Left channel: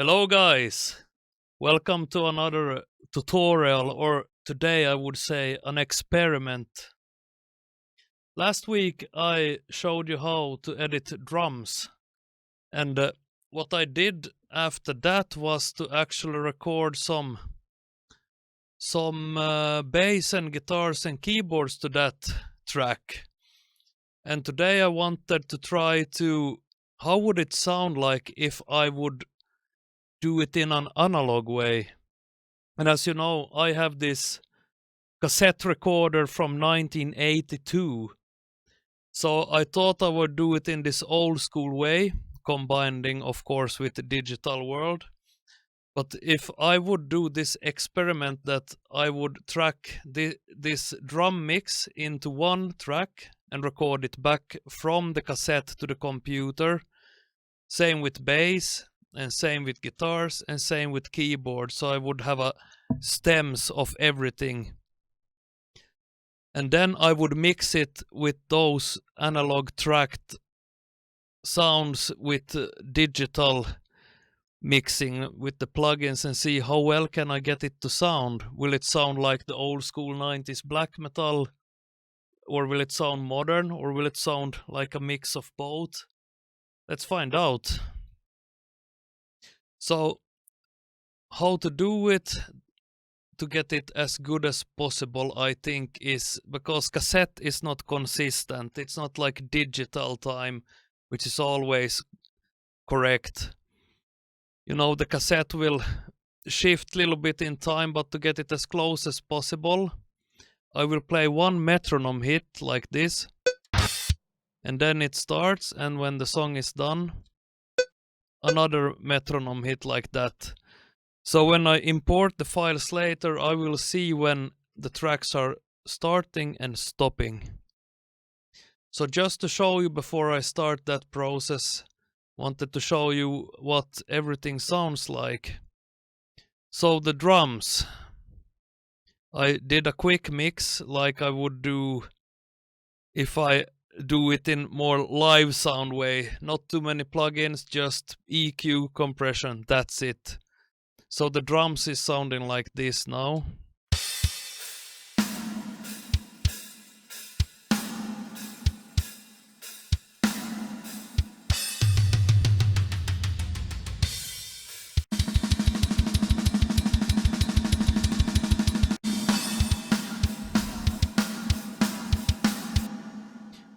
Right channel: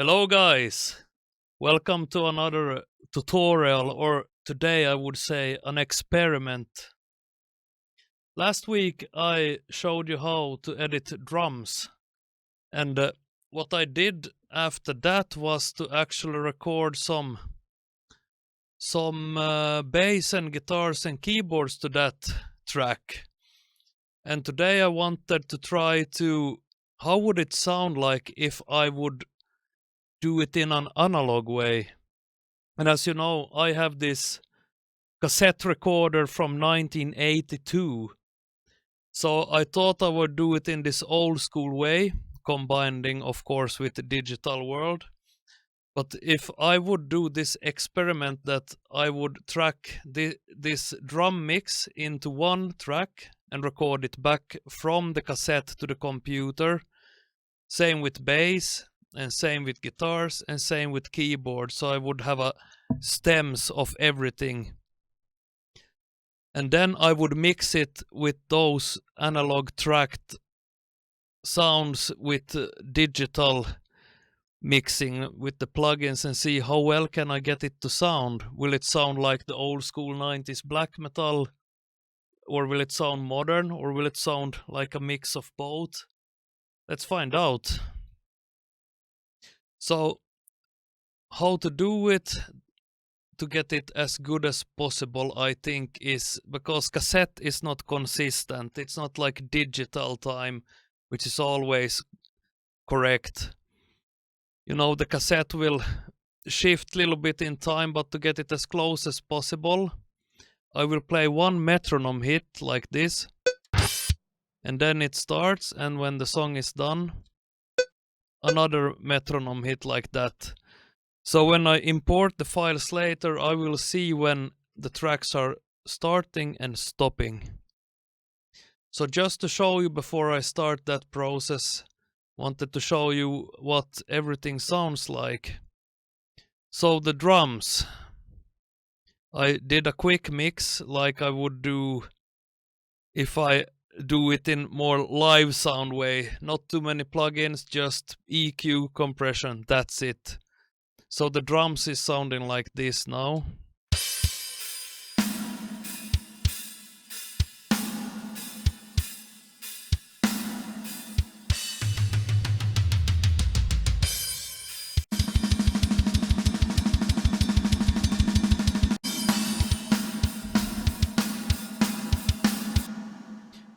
Hello guys, welcome to another tutorial, or today I would say an experiment. Last week I showed you how to edit drums, and what I did after that was to actually record some bass and guitars and keyboards to that track. And today I wanted to try to, how would it sound like if I would do it in an analog way. And as you know, I have this cassette recorder from 1982. So I thought I would do it in this old school way, combining of course with the digital world. But if I would do this experiment that I would track this drum mix into one track and record it back from the cassette to the computer, same with bass, and same with guitars, and same with keyboard, so I would have a stems of everything. And then I would mix it with those analog tracked sounds with digital mixing with the plugins and see how well can I get it to sound. Will it sound like the old school 90s black metal, or will it sound modern, or will it sound like a mix of both? Let's find out. So, how to do it to get it as good as possible, I think, is because cassette is not consistent. It's not like digital time, which is always correct. You know, the cassette will shift a little bit in time, but to get it as close as possible, I will play one metronome hit like this, and then it starts, and when the song is done, another metronome hit like that. So when I import the files later, I will see when the tracks are starting and stopping. So just to show you before I start that process, wanted to show you what everything sounds like. So the drums, I did a quick mix like I would do if I do it in more live sound way. Not too many plugins, just EQ, compression, that's it. So the drums is sounding like this now.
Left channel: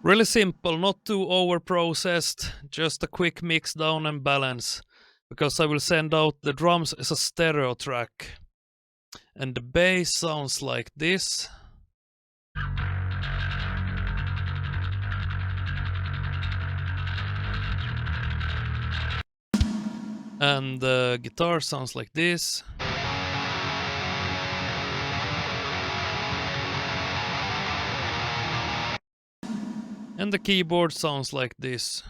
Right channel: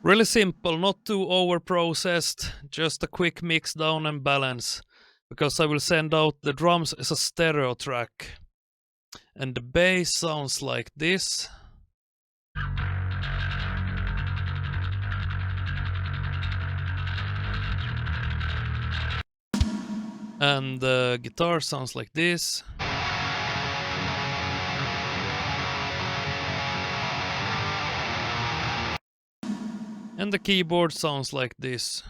Really simple, not too over processed, just a quick mix down and balance. Because I will send out the drums as a stereo track. And the bass sounds like this. And the guitar sounds like this. And the keyboard sounds like this.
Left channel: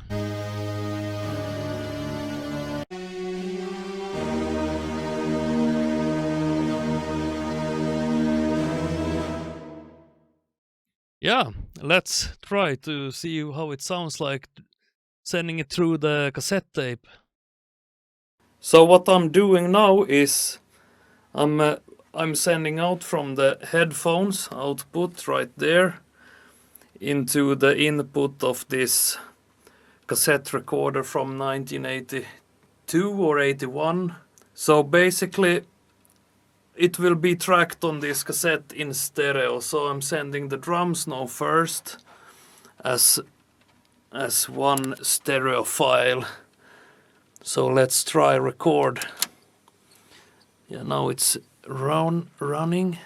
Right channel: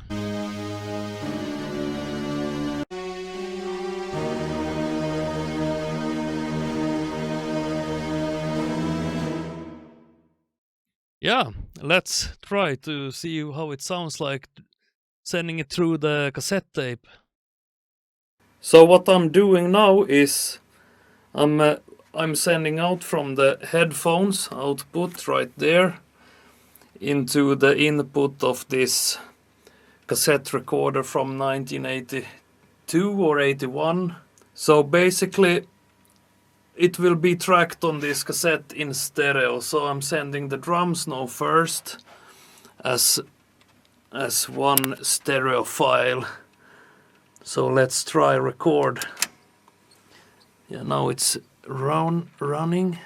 Yeah, let's try to see how it sounds like sending it through the cassette tape. So what I'm doing now is I'm sending out from the headphones output right there into the input of this cassette recorder from 1982 or 81. So basically it will be tracked on this cassette in stereo. So I'm sending the drums now first as one stereo file. So let's try record. Yeah, now it's running.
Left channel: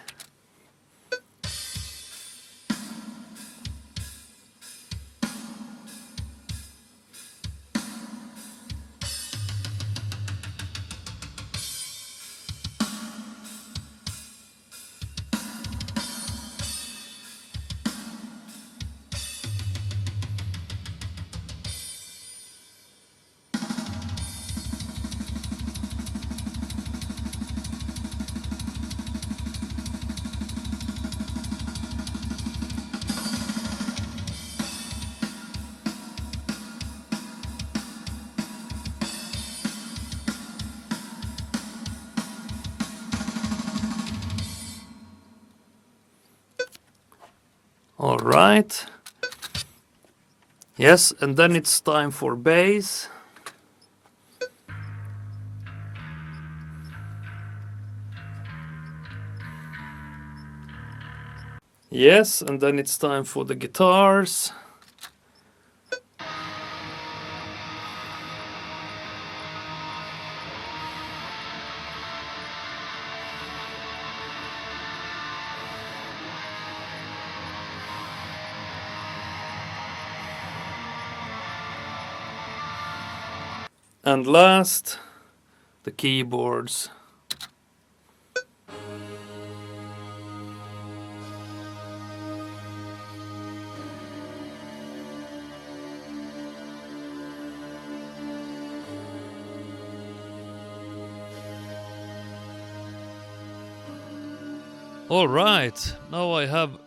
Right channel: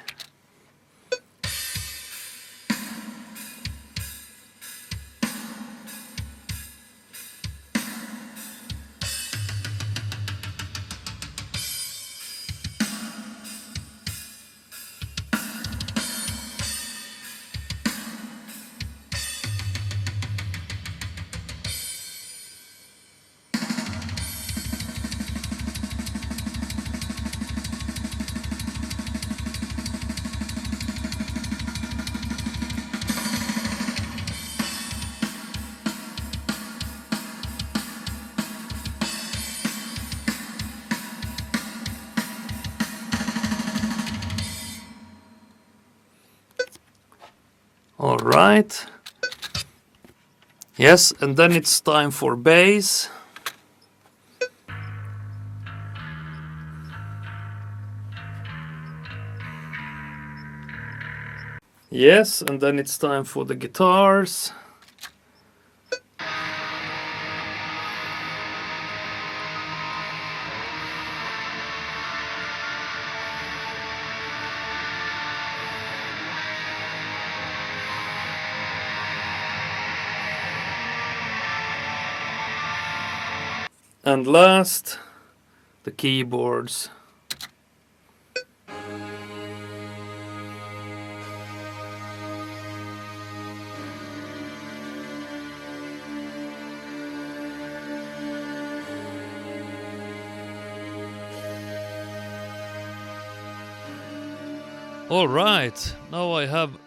Alright. Yes, and then it's time for bass. Yes, and then it's time for the guitars. And last, the keyboards. Alright, now I have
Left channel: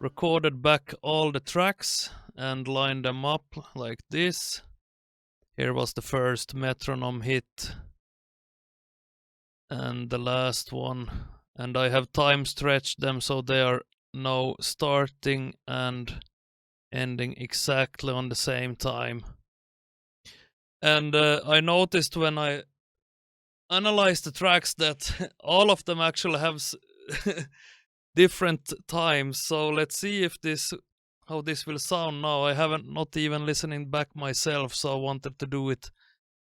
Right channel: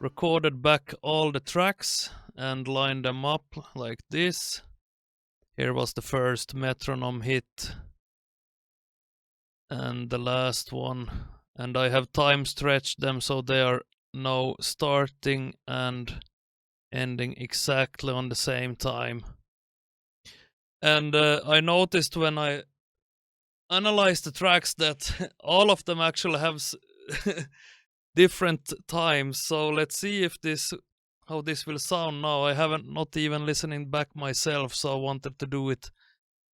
recorded back all the tracks and lined them up like this. Here was the first metronome hit and the last one, and I have time stretched them so they are now starting and ending exactly on the same time. And I noticed when I analyzed the tracks that all of them actually have different times. So let's see if how this will sound now. I haven't not even listening back myself, so I wanted to do it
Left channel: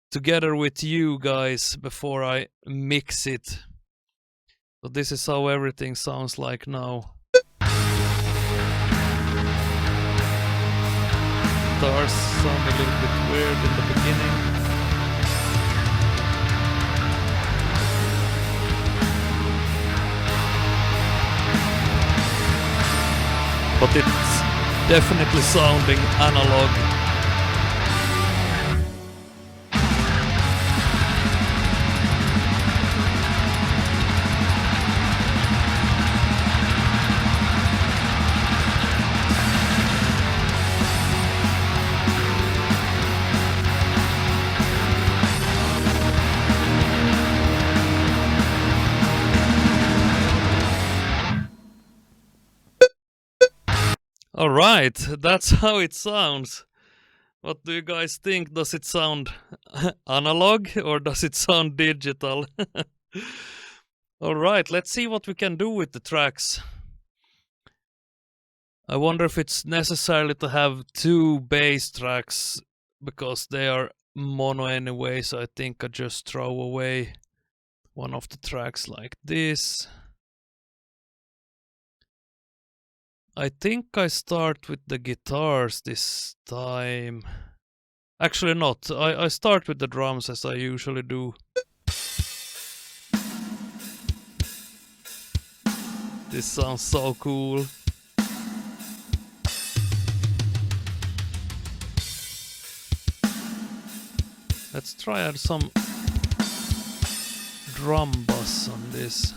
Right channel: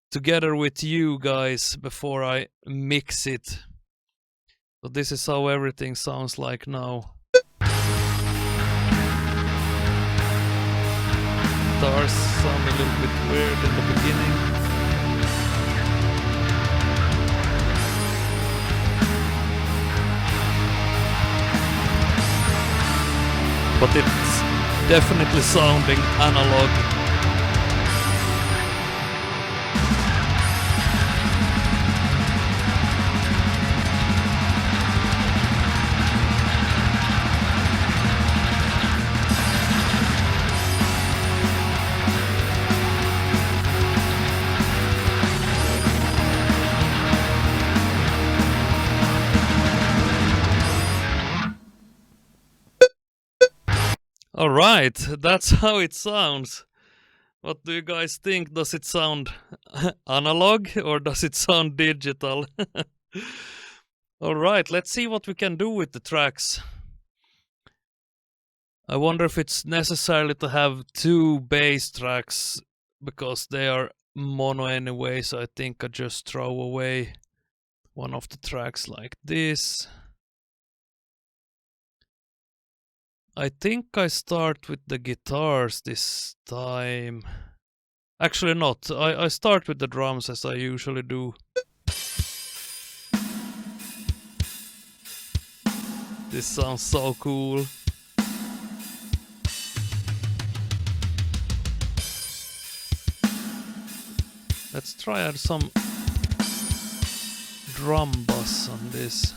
together with you guys before I mix it. So this is how everything sounds like now. Guitars sound a little bit weird in the beginning. But it's definitely sounding analog. Alright, that's how it sounds. What do you guys think? Does it sound analog or does it sound digital? Alright, let's see what we can do with the tracks. I wonder if it's necessary to have two bass tracks because they are mono anyway, so I think I just throw away one of the tracks like this. I think I start with the guitars this time. Actually not, I start with the drums as I usually do. This sounds so cool. Let's try add some drum bass on this.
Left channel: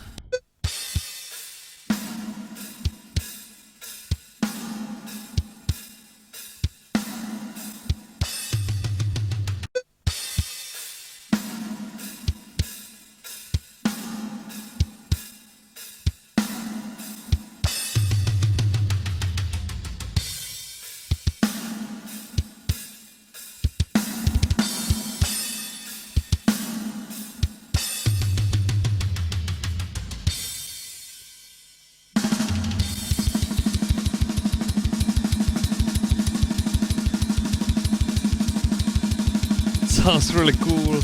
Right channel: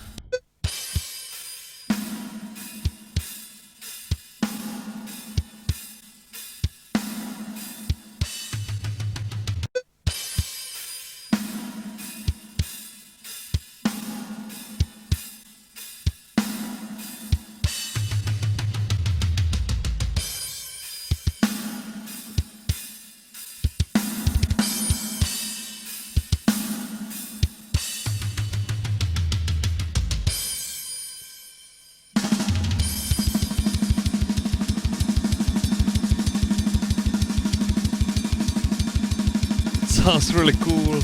Sounds really cool.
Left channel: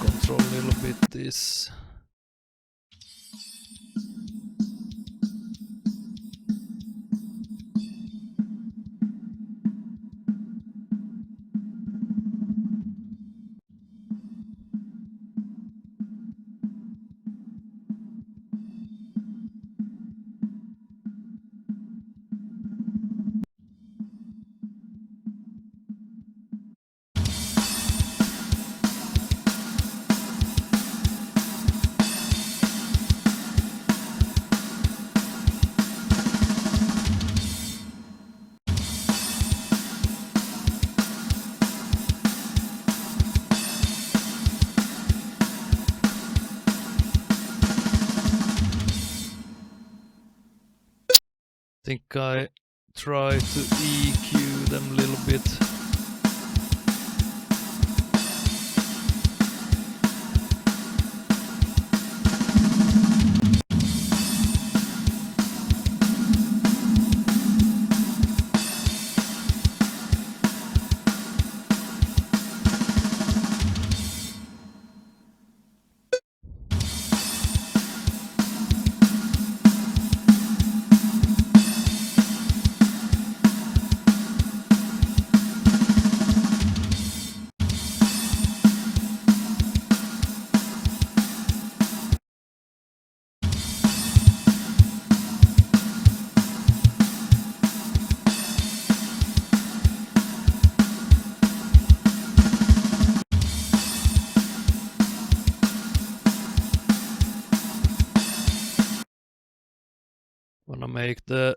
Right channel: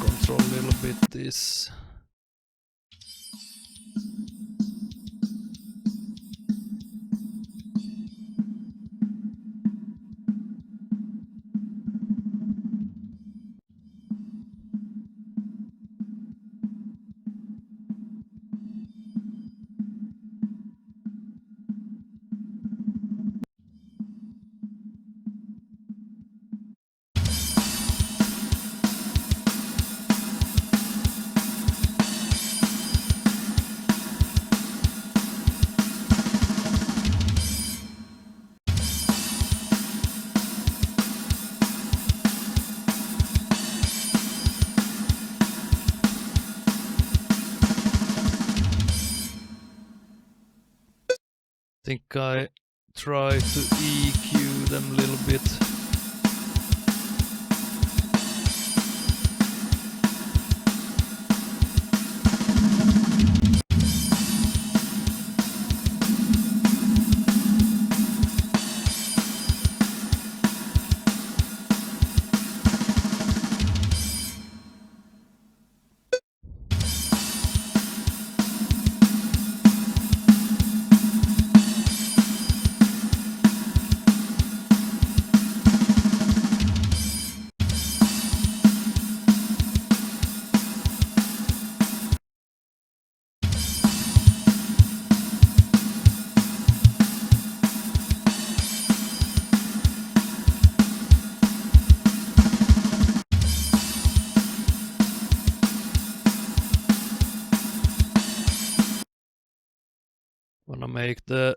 Control a little bit this. Think I try to EQ them a little bit. Wanna make the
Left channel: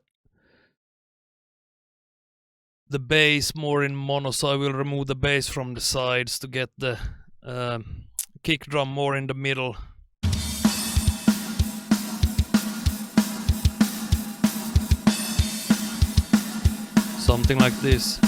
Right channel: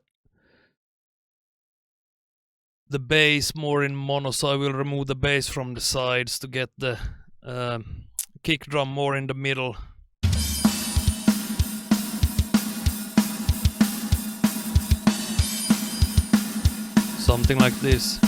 bass more in mono, so I will remove the bass from the sides to get the kick drum more in the middle. Something like this.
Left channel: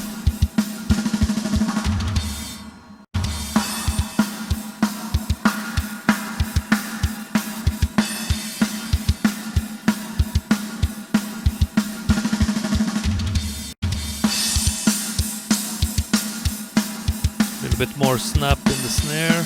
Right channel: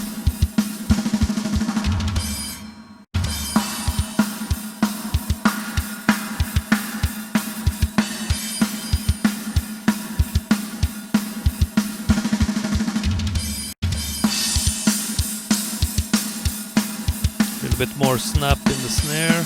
A little bit more snap in the snare.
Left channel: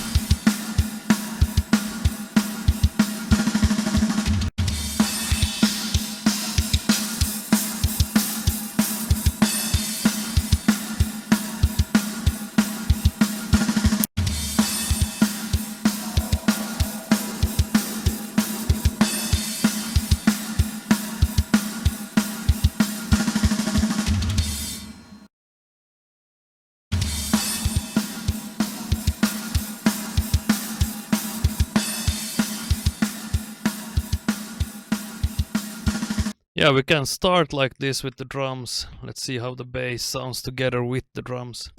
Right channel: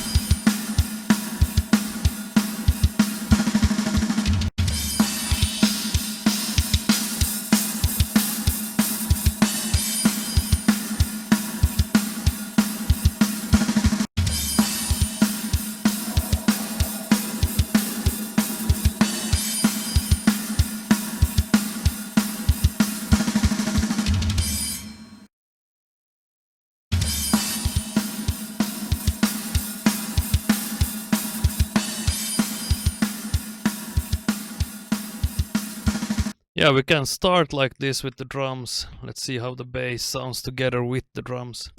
Yeah, we can start like this with the drums. Let's see how the bass sounds together with the drums.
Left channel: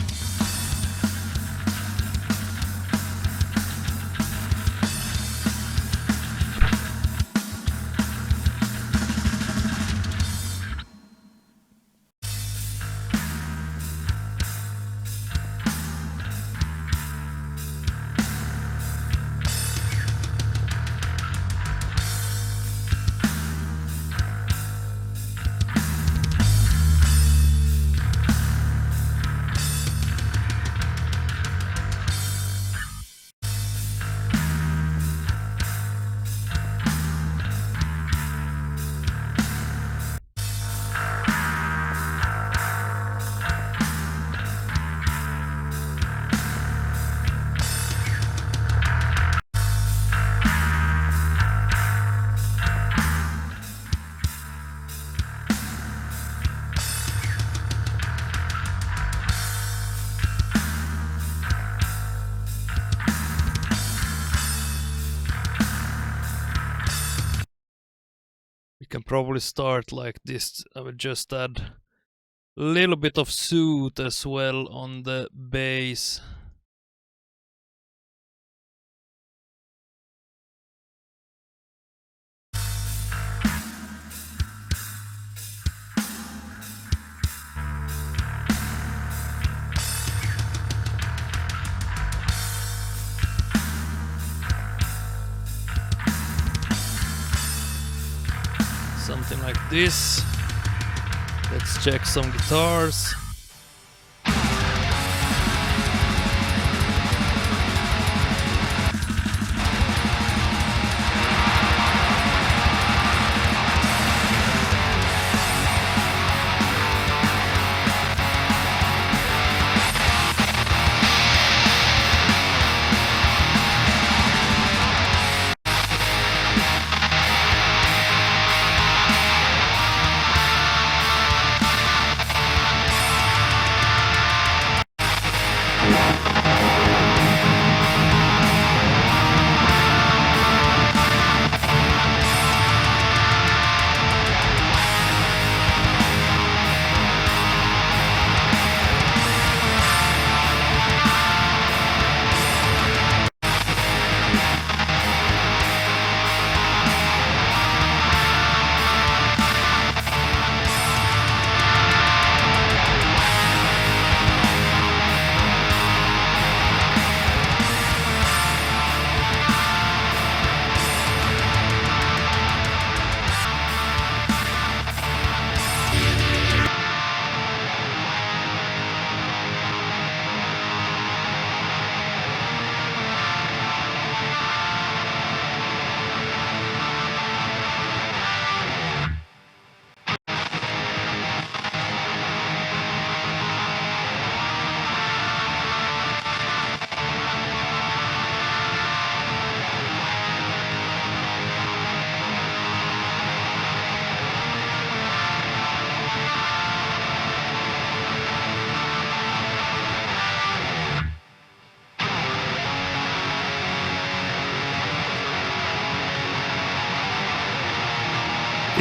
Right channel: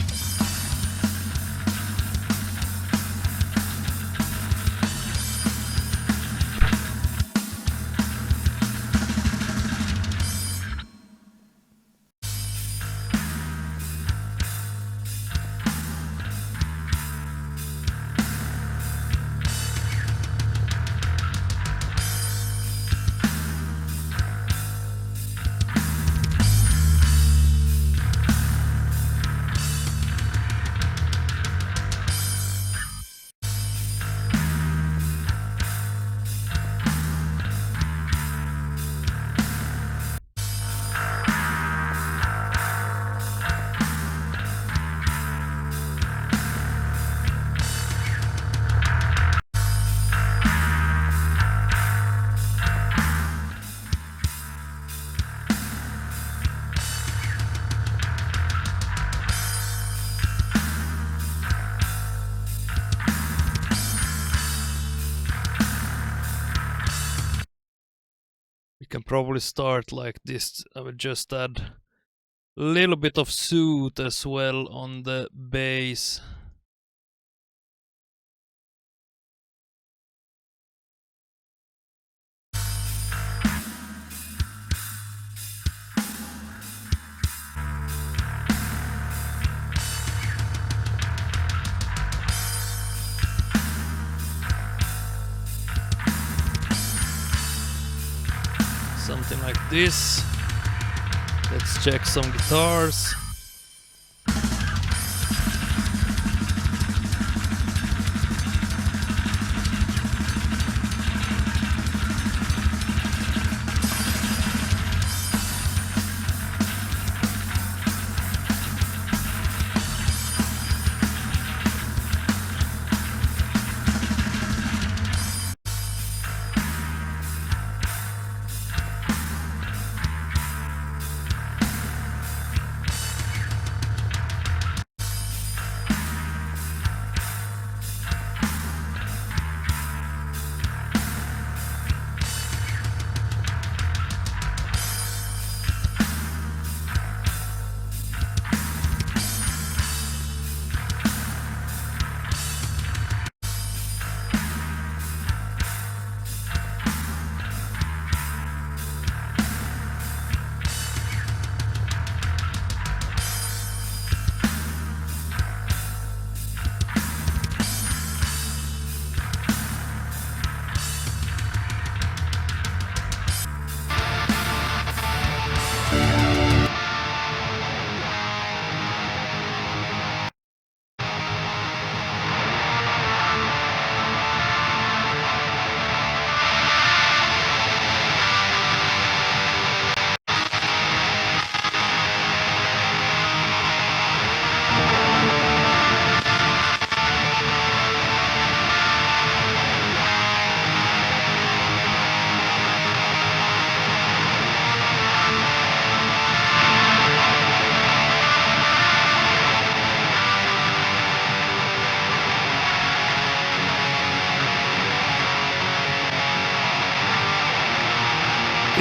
We can probably start like this. I will just add a little bit of soot as well on the bass. Something like this. Let's check some guitars.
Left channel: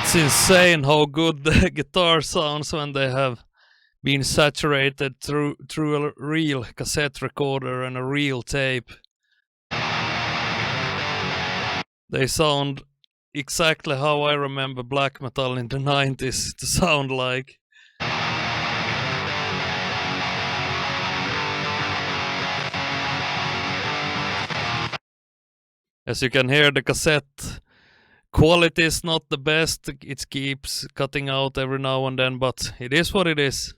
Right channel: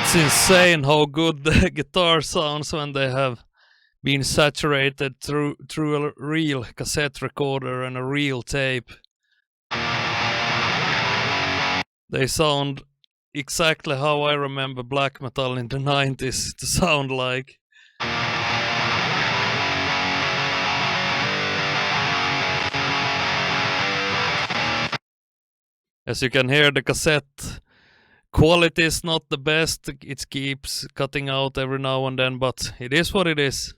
It's insane how good the guitar sounds when they have been saturated through a real cassette recorder and a real tape. They sound exactly how I remember black metal in the 90s to sound like. As you can hear, the cassette quality is not the best. It keeps cutting out every now and then, but it is what it is.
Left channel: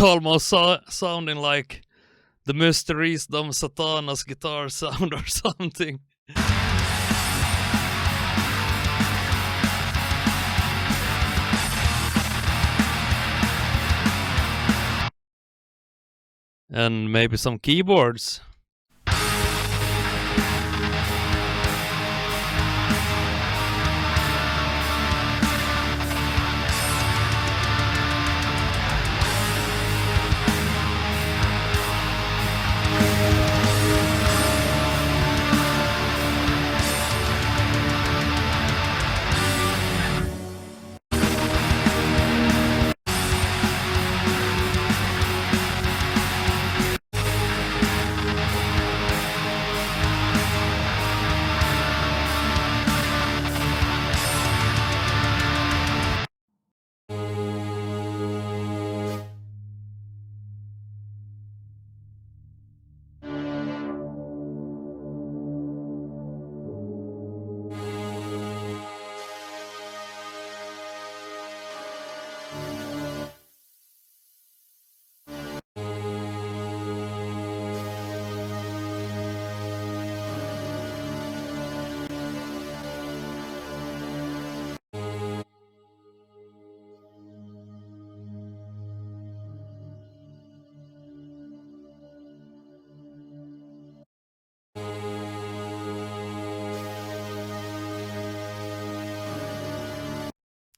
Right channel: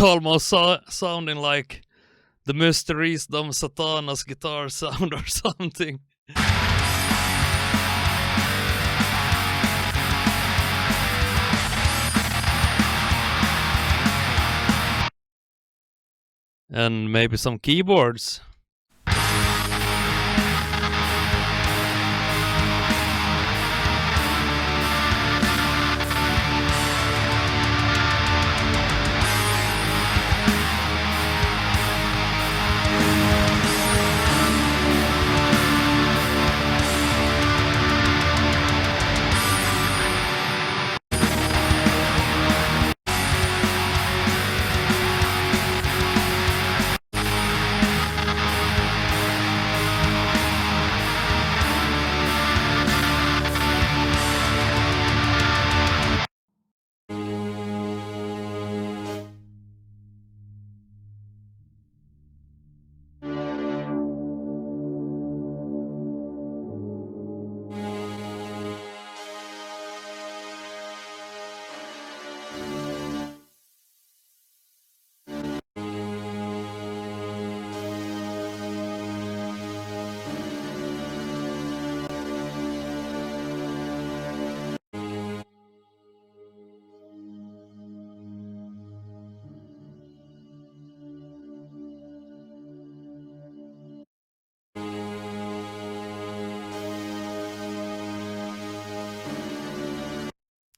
It's almost sounding like the Mysteries Dom Satanas guitar sound or something. And maybe some keyboards.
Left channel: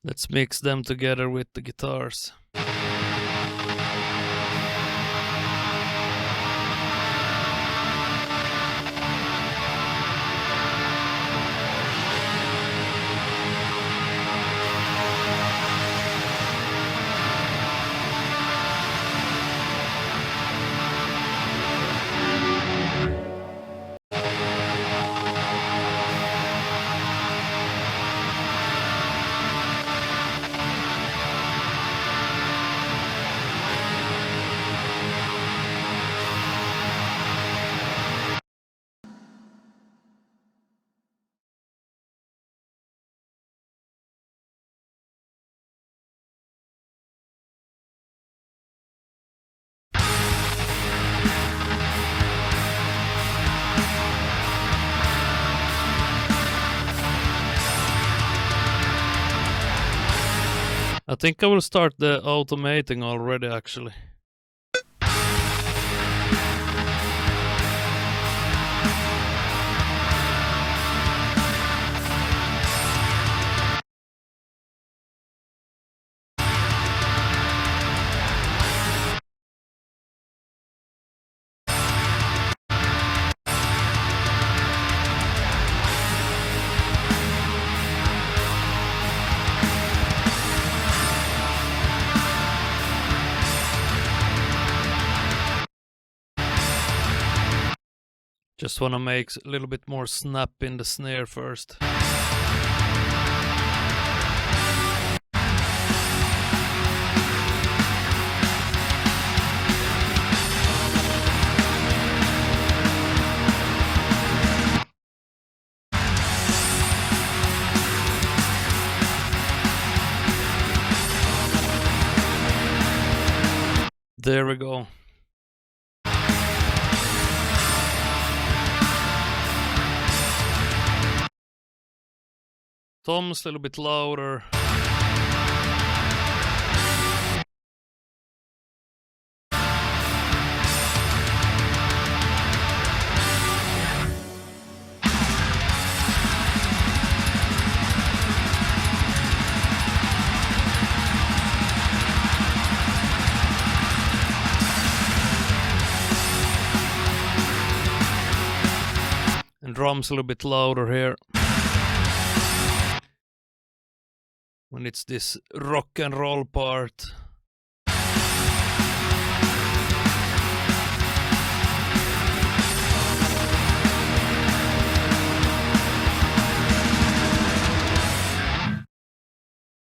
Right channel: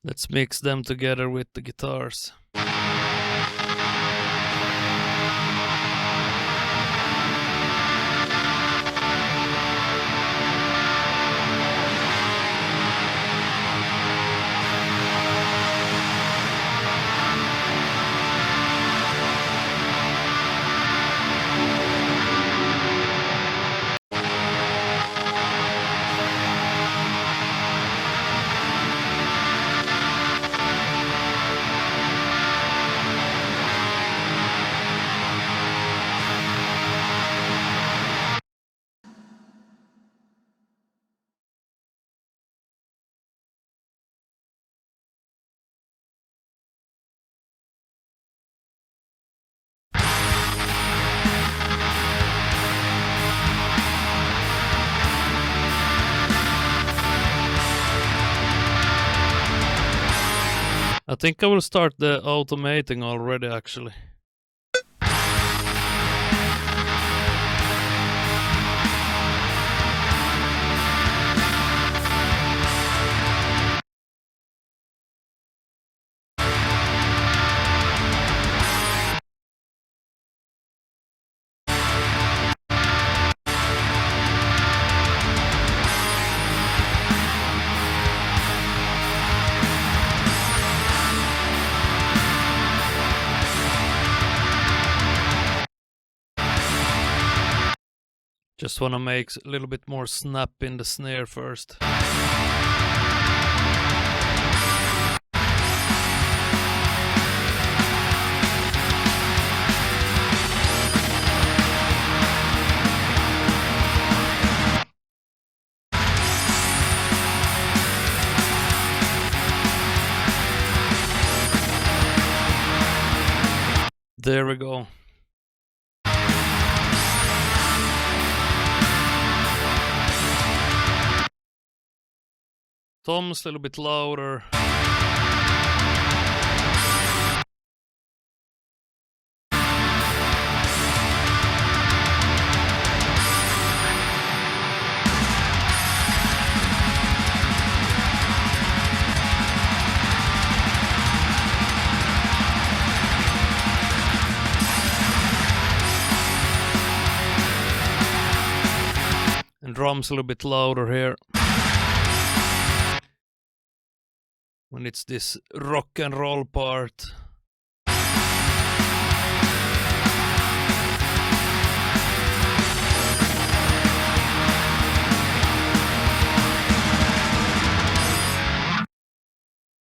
Let's mix them together with the guitars. I think I will start the automating already, actually. Just wanna make a little bit more snap in the snare first. There we go. Tom's a little bit louder. And drums a little bit louder here. When it's this rock and roll part.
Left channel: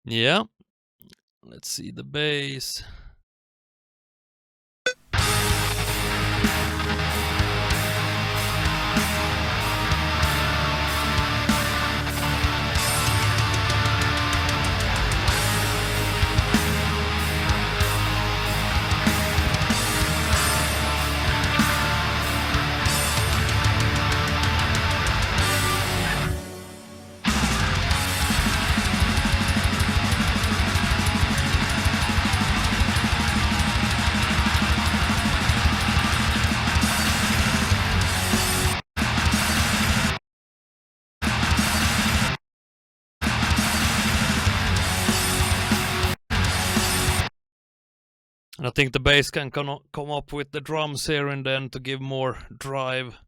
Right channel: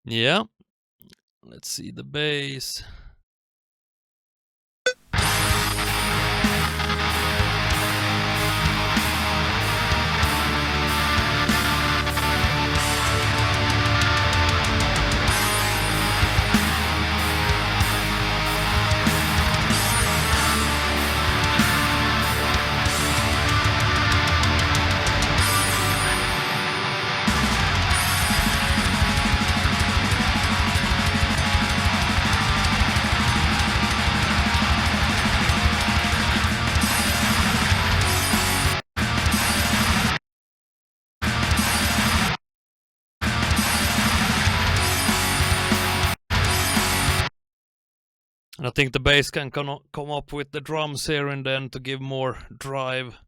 Yeah. Let's see the bass. And I think the bass can come up with the drums here and then to give more drive.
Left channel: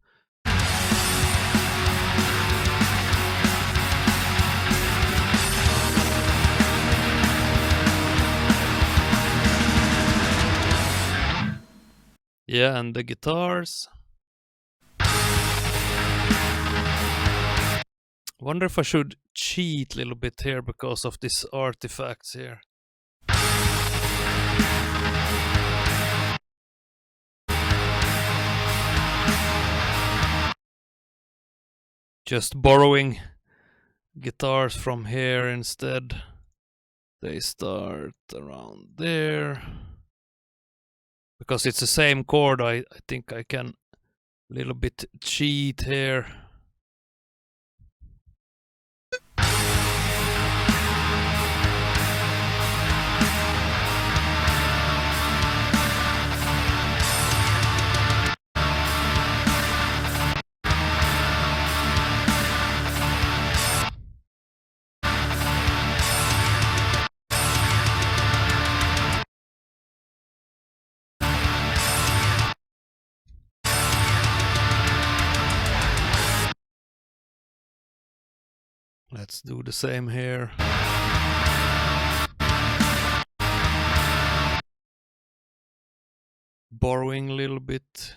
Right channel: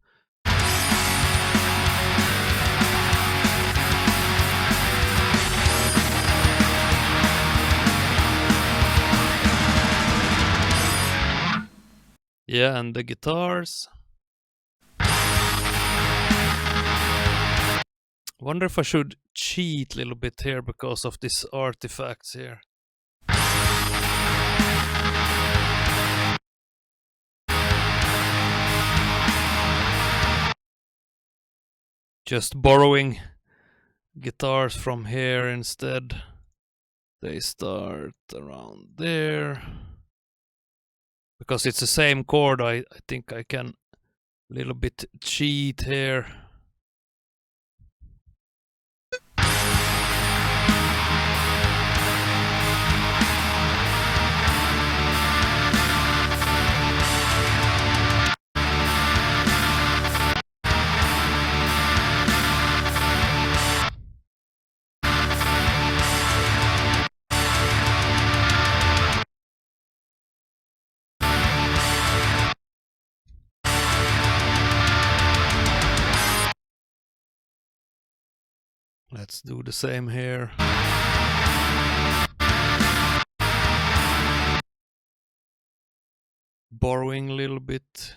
Yeah, and the guitars. Wonder if I should cheat a little bit here because of these artifacts here. Just borrowing guitars from here instead. They start around there. Because it's the same chord, I think I can a little bit cheat here. Let's do the same here. Borrowing a little bit.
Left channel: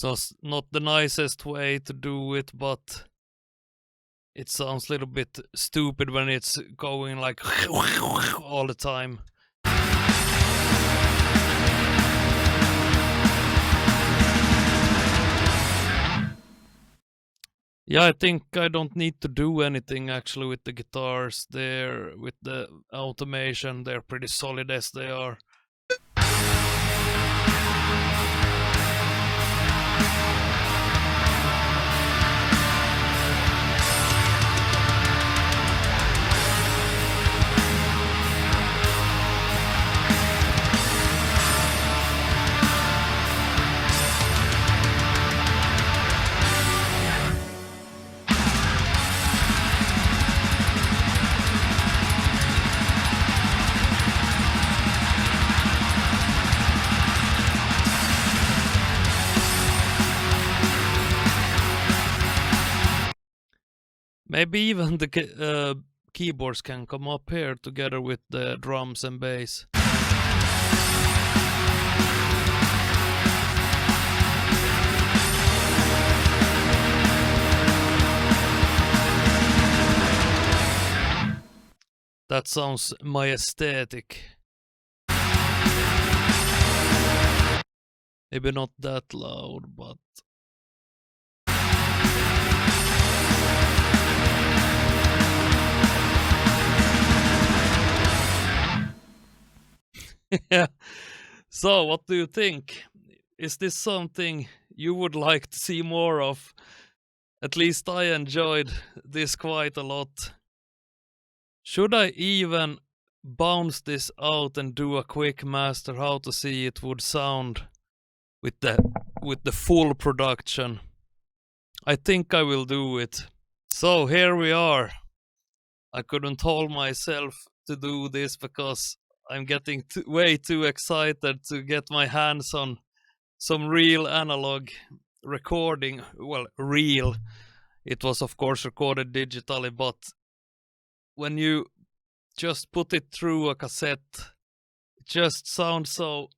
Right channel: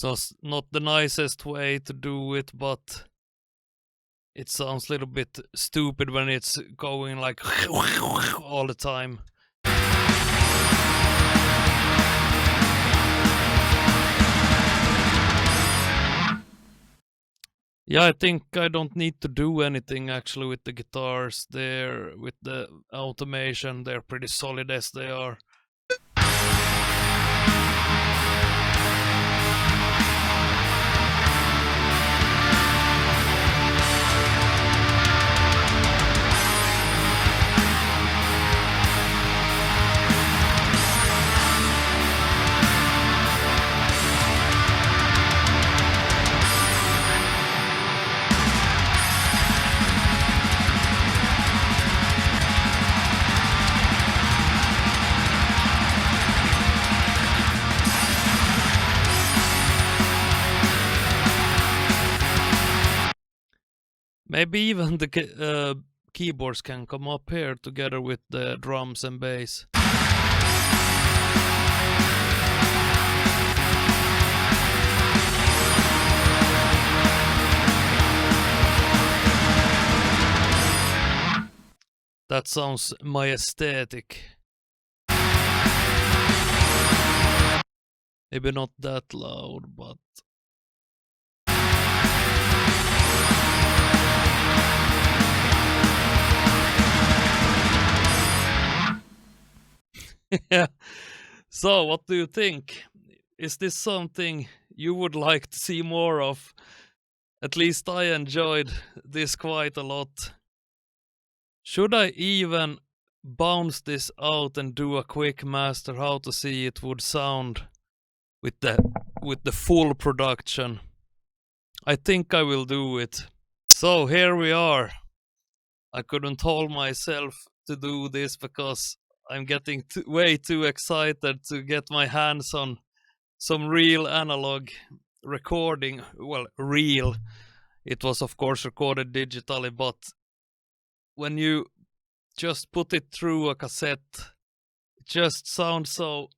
It's not the nicest way to do it, but it sounds a little bit stupid when it's going like all the time. Yeah, I think I don't need to do anything actually with the guitars there, with the automation. They're pretty solid as they are. Maybe even the keyboards can come up here together with the drums and bass. That sounds my aesthetic. Maybe not that loud, but yeah. So, what do you think? Is this something you would like to see more of? At least I enjoyed this quite a lot. Should I even bounce this out and do a quick master how to see it would sound with the full production? I think I will do it. So here we are. I couldn't hold myself to do this because I'm getting way too excited to get my hands on some real analog recording. Well, real. It was of course recorded digitally, but when you just put it through a cassette, it just sounds so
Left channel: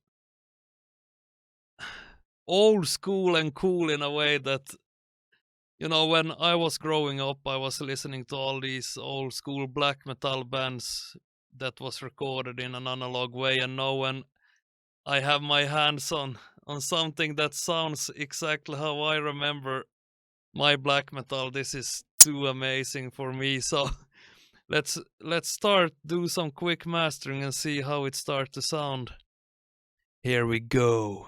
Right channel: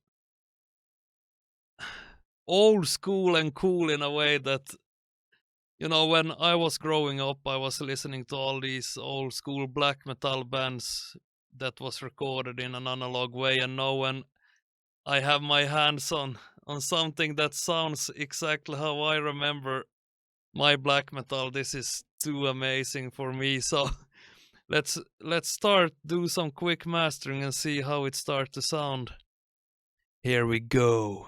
old school and cool in a way that, you know, when I was growing up, I was listening to all these old school black metal bands that was recorded in an analog way, and now when I have my hands on something that sounds exactly how I remember my black metal, this is too amazing for me. So let's start do some quick mastering and see how it starts to sound. Here we go.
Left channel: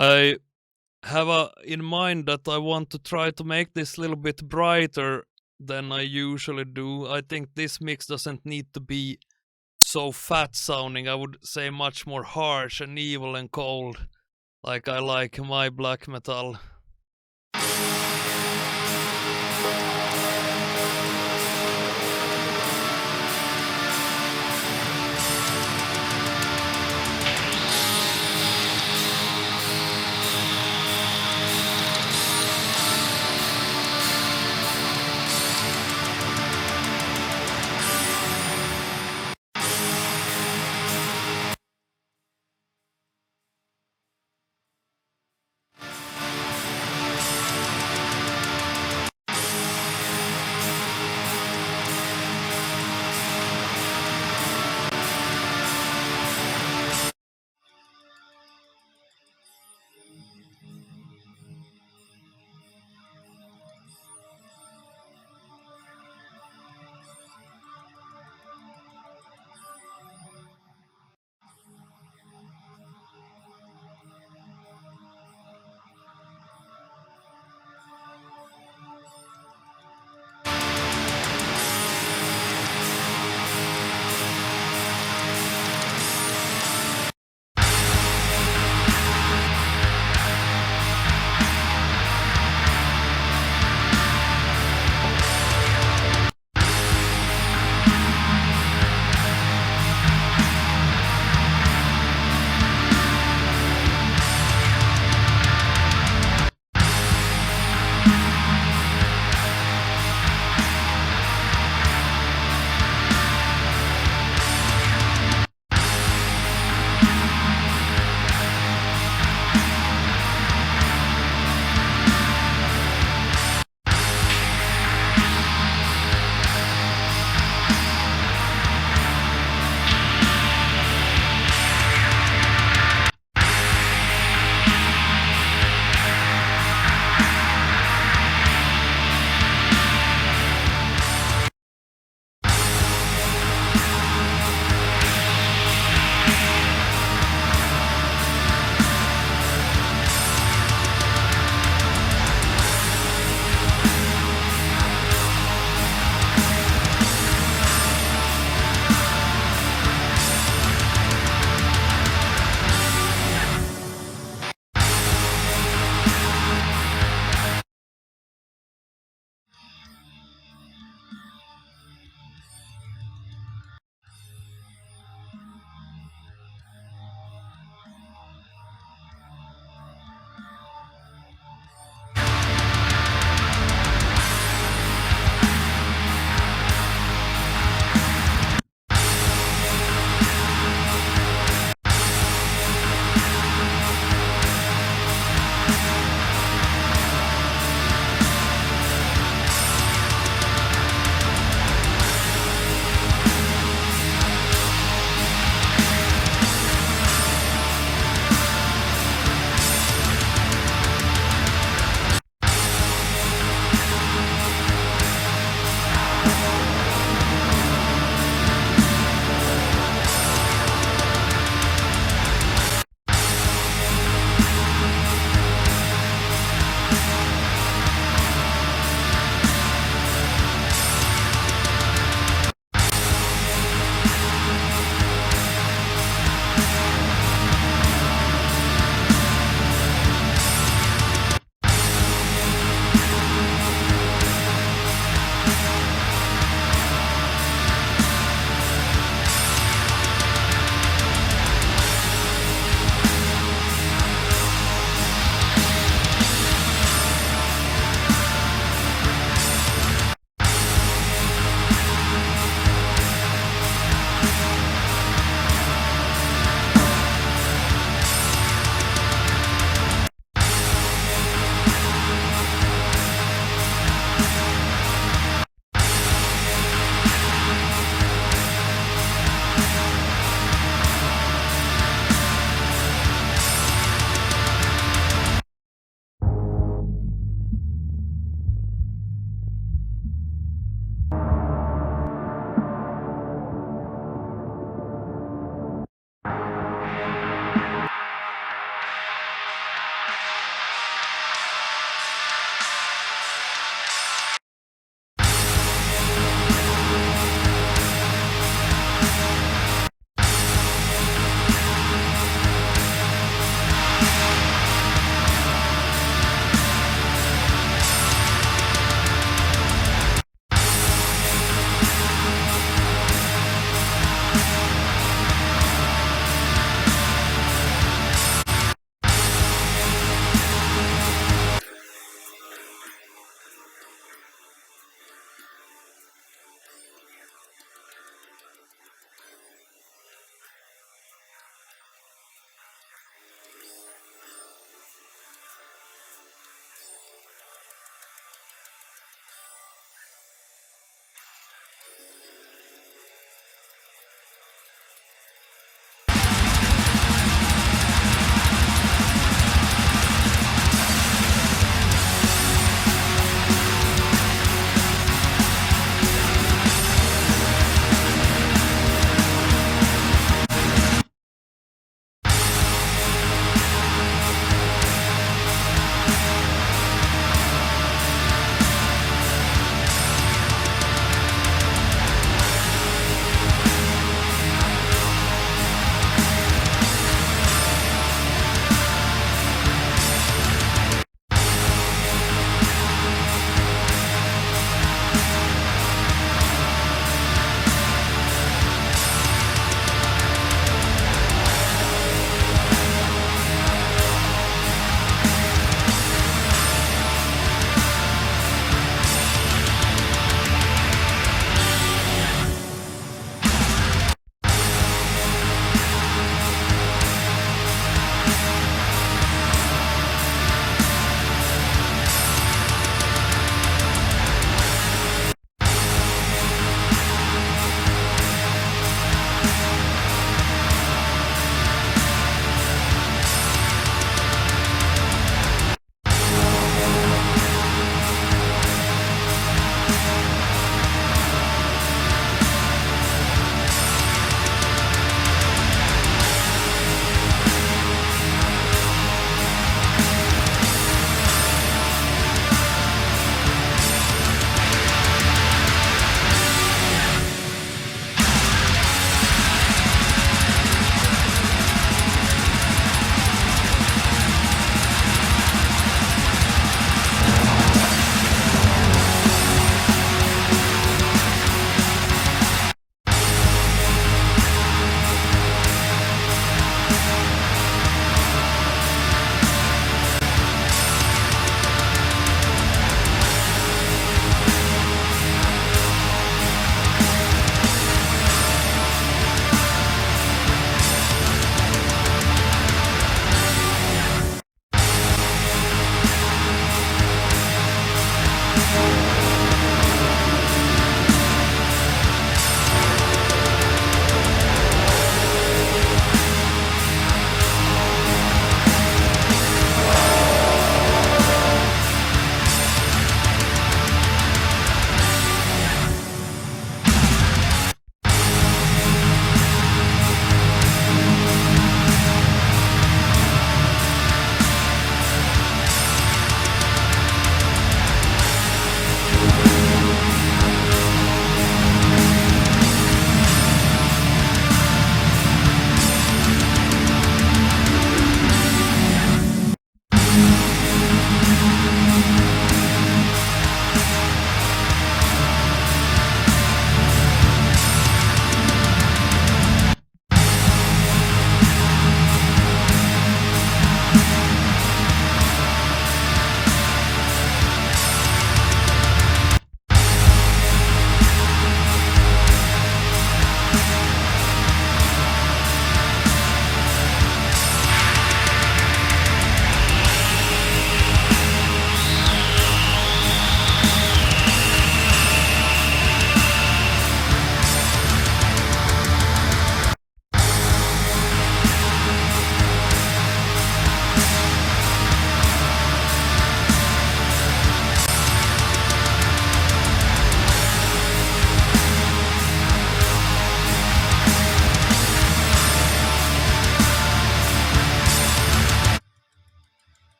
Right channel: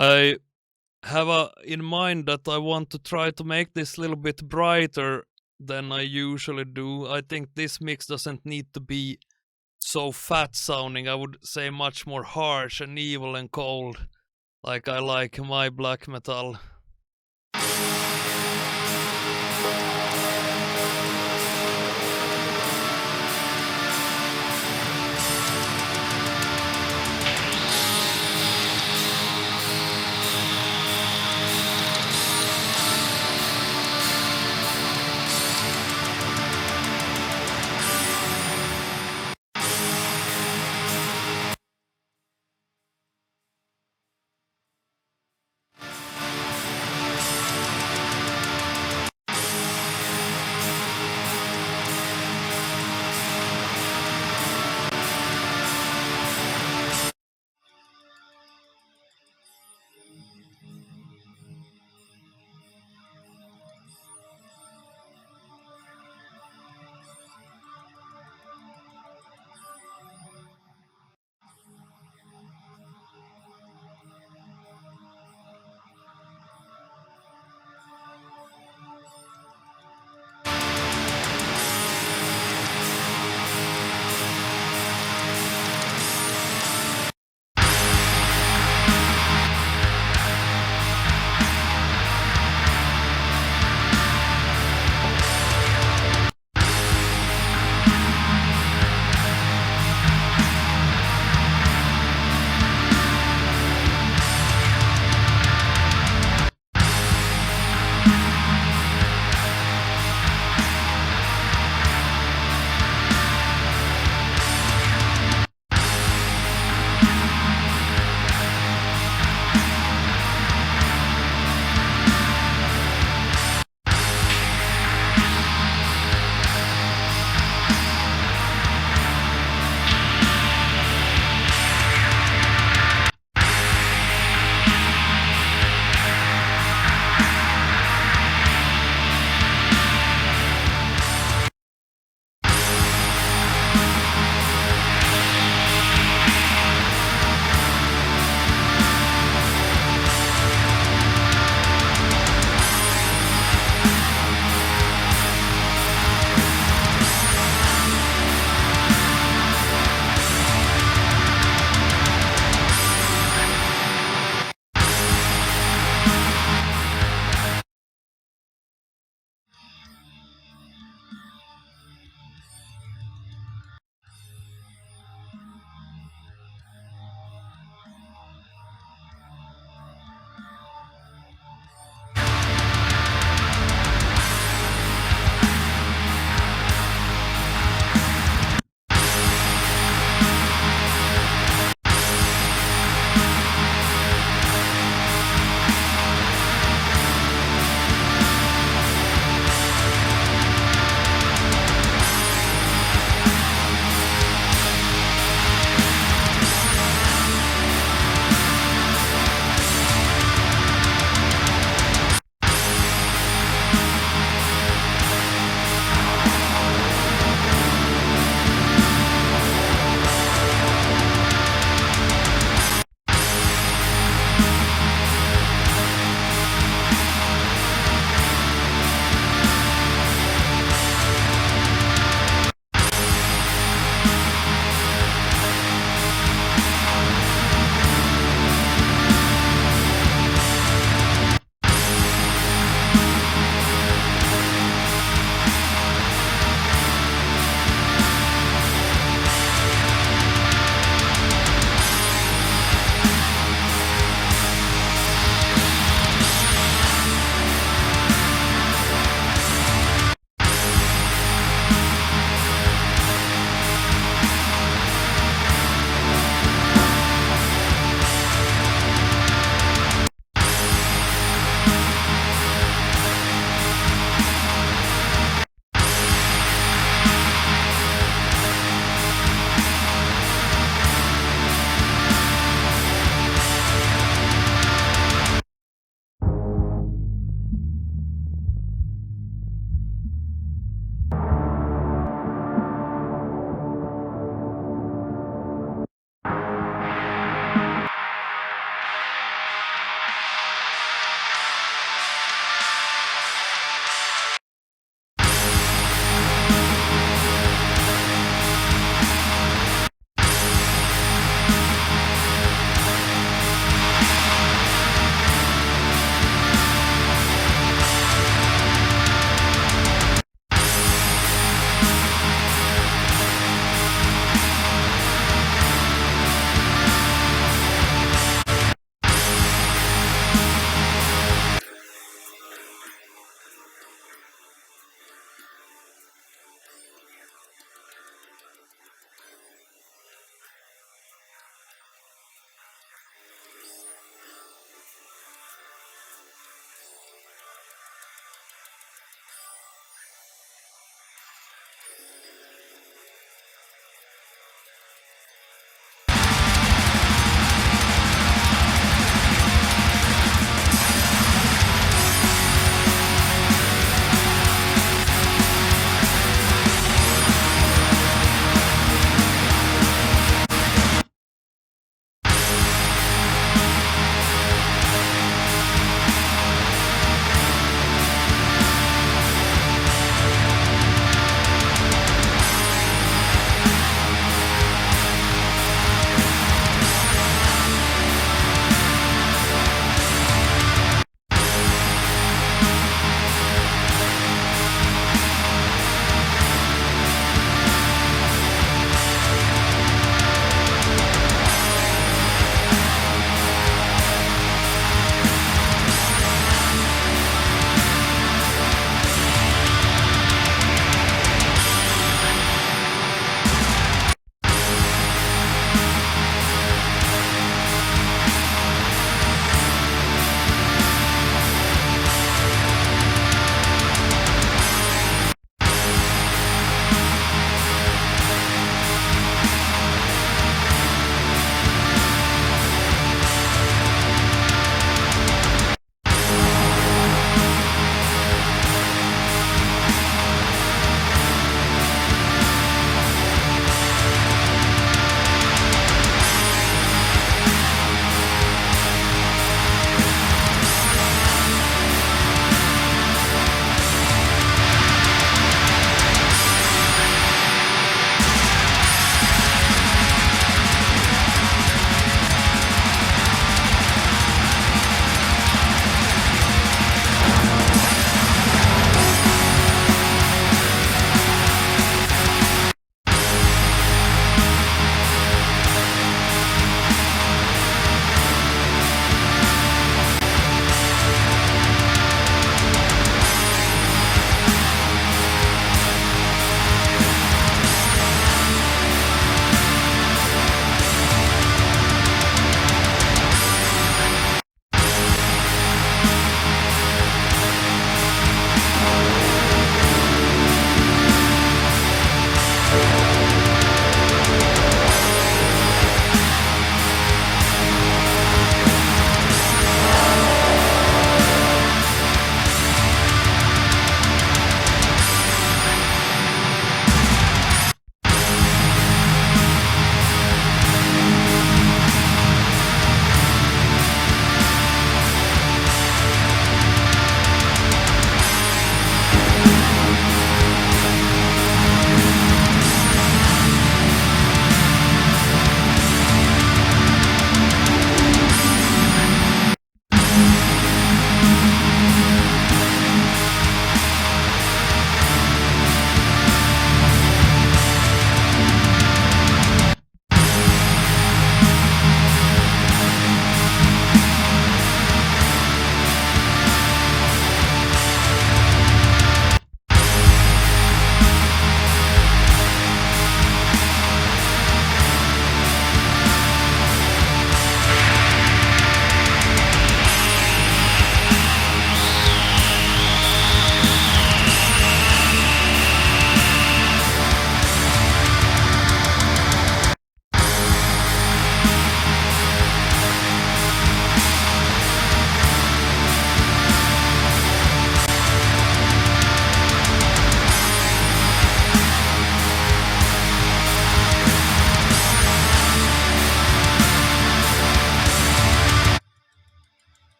I have in mind that I want to try to make this a little bit brighter than I usually do. I think this mix doesn't need to be so fat sounding. I would say much more harsh and evil and cold, like I like my black metal.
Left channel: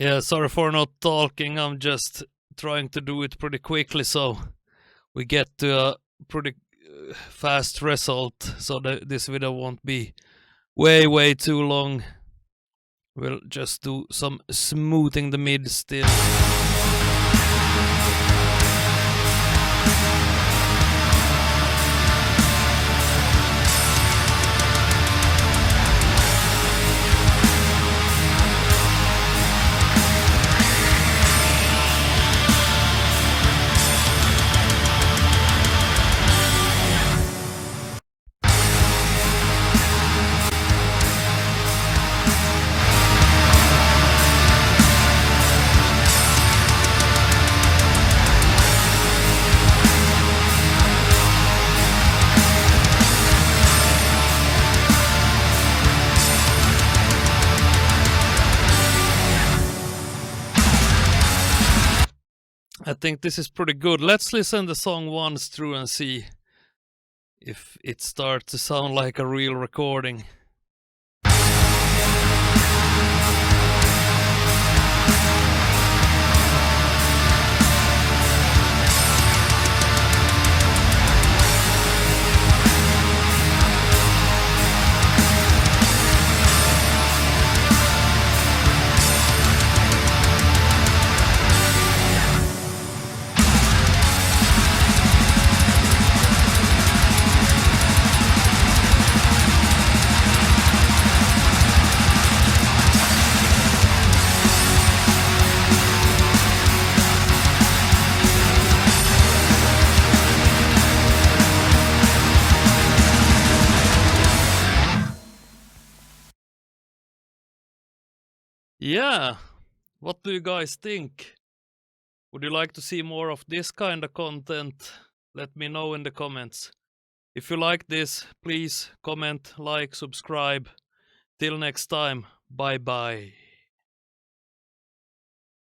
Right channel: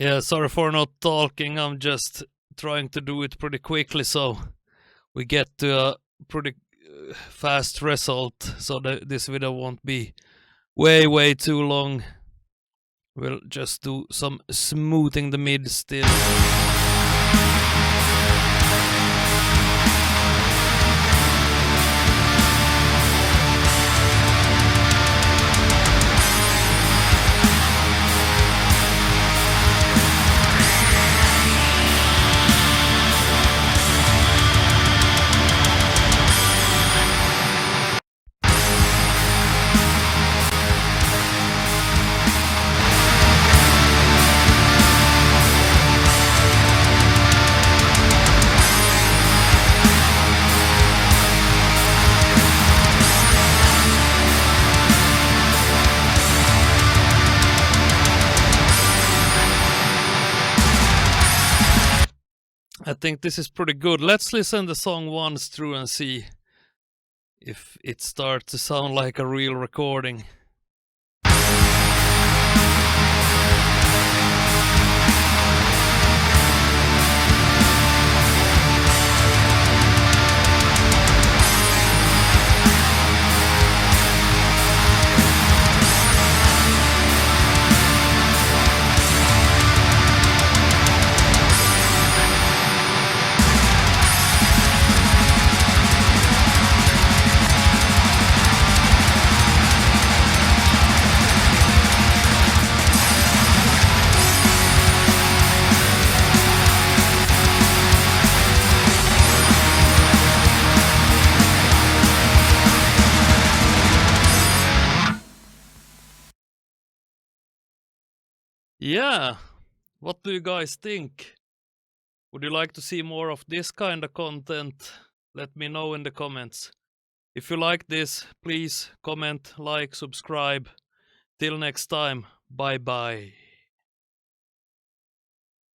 Yeah, sorry for not talking. I'm just trying to do it pretty quickly so we get to a pretty fast result, so that this video won't be way too long. We'll just do some smoothing the mid still. I think this is pretty good. Let's listen the song once through and see if it starts to sound like a real recording. Yeah, what do you guys think? Would you like to see more of this kind of content? Let me know in the comments. If you like this, please comment, like, subscribe. Till next time, bye bye.